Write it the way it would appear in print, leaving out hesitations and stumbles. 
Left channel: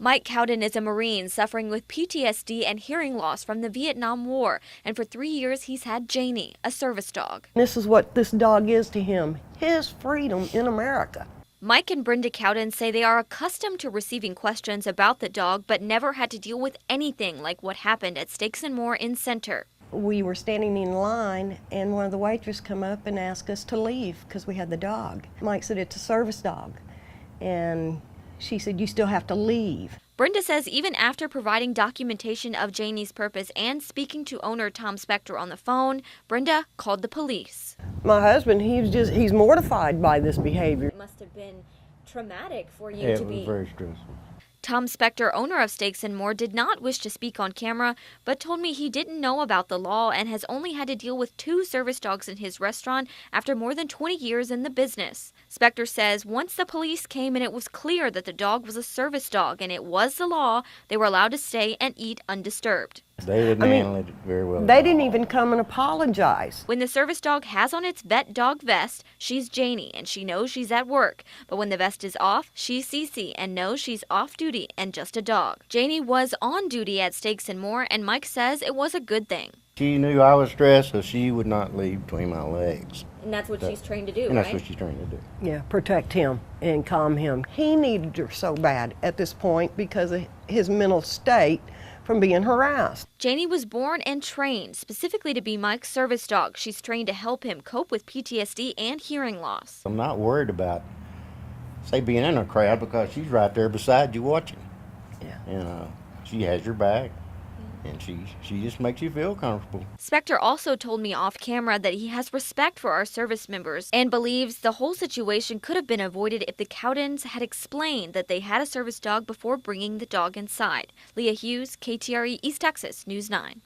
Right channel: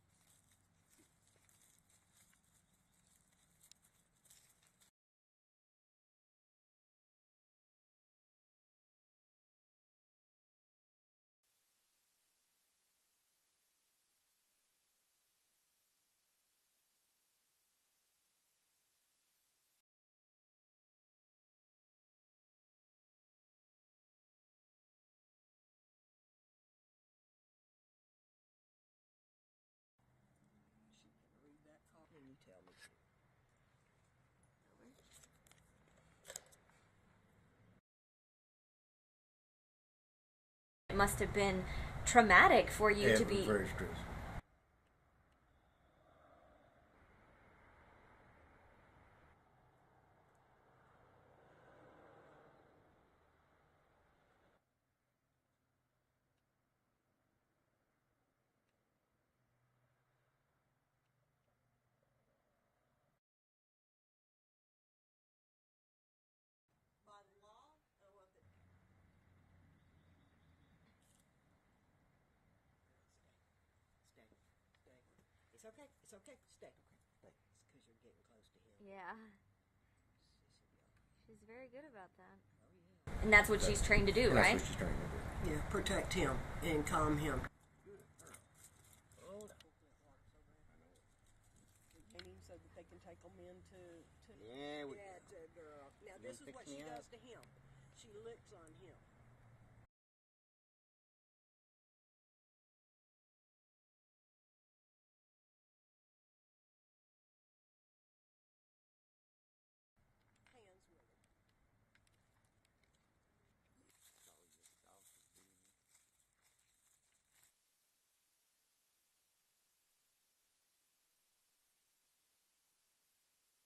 Mike Cowden is a Marine suffering with PTSD and hearing loss from the Vietnam War, and for 3 years he's had Janie, a service dog. This is what this dog is to him, his freedom in America. Mike and Brenda Cowden say they are accustomed to receiving questions about the dog, but never had to deal with anything like what happened at Steaks and More in Center. We were standing in line, and one of the waitresses come up and asked us to leave because we had the dog. Mike said, it's a service dog. And she said, you still have to leave. Brenda says even after providing documentation of Janie's purpose and speaking to owner Tom Spector on the phone, Brenda called the police. My husband, he's mortified by this behavior. It must have been traumatic for you Yeah, it was very stressful. Tom Spector, owner of Steaks and More, did not wish to speak on camera, but told me he didn't know about the law and has only had to deal with 2 service dogs in his restaurant after more than 20 years in the business. Spector says once the police came and it was clear that the dog was a service dog and it was the law, they were allowed to stay and eat undisturbed. They didn't handle it very well. They didn't even come and apologize. When the service dog has on its vet dog vest, she's Janie and she knows she's at work. But when the vest is off, she's Cece and knows she's off duty and just a dog. Janie was on duty at Steaks and More, and Mike says it was a good thing. She knew I was stressed, so she would not leave between my legs. And that's what she's trained to do, And right? that's what she's trying to do. Yeah, protect him and calm him. He needed her so bad at this point because of his mental state from being harassed. Janie was born and trained specifically to be Mike's service dog. She's trained to help him cope with PTSD and hearing loss. I'm not worried about, say, being in a crowd because she's right there beside you watching. Yeah. And she has your back, and she just makes you feel comfortable. Spector also told me off camera that he has respect for our service members and believes the whole situation could have been avoided if the Cowdens had explained that they had a service dog before bringing the dog inside. Leah Hughes, KTRE East Texas News 9.